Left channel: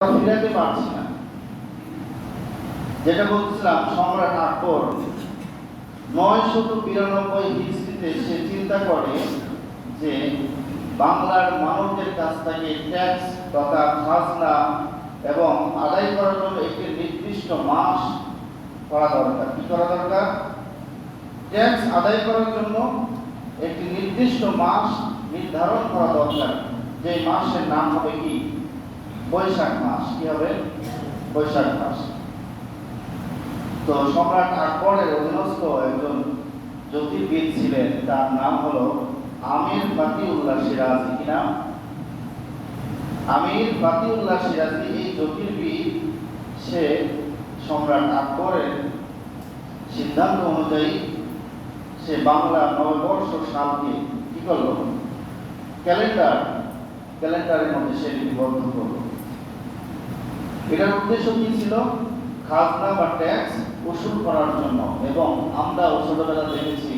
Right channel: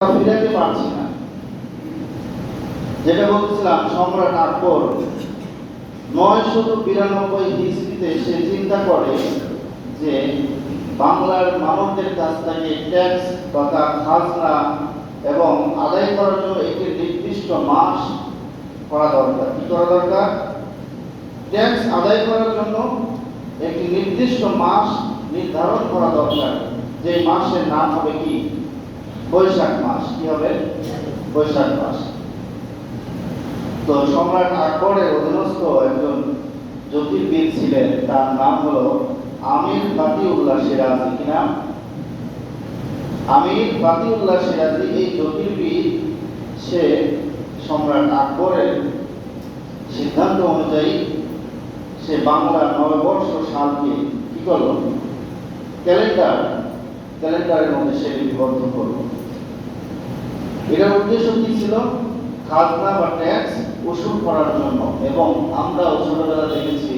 ফিরাতে পারছি না। যেটা বলছিলাম, সম্রাট আকবর 992 হিজরিতে সে চিন্তা করে যে বাংলার মানুষদের কাছ থেকে ট্যাক্স তথা খাজনা এবং আদায় করার জন্য একটি নির্দিষ্ট মাস করা দরকার। কি করা দরকার? ট্যাক্স আদায় করার জন্য একটি নির্দিষ্ট মাস নির্ধারণ করা দরকার, যে মাসের নাম হবে কি? বৈশাখ মাস। কি হবে? বৈশাখ মাস। তো সম্রাট আকবরের অধীনস্থ একজন জ্যোতির্বিদ ছিলেন, তার নাম হলো আমির ফাতিউল্লাহ সিরাজি। কি নাম? আমির ফাতিউল্লাহ সিরাজি। এই জ্যোতির্বিদ সে সম্রাট আকবরের সিদ্ধান্ত অনুযায়ী সে বাংলা নববর্ষ সালকে কি করলো? ক্যালেন্ডারের মধ্যে সে লিপিবদ্ধ করলো। এটার উদ্দেশ্য কি ছিল? খাজনা বা ট্যাক্স ওসুল করার জন্য। এবং আমরা ছোটবেলা দেখেছি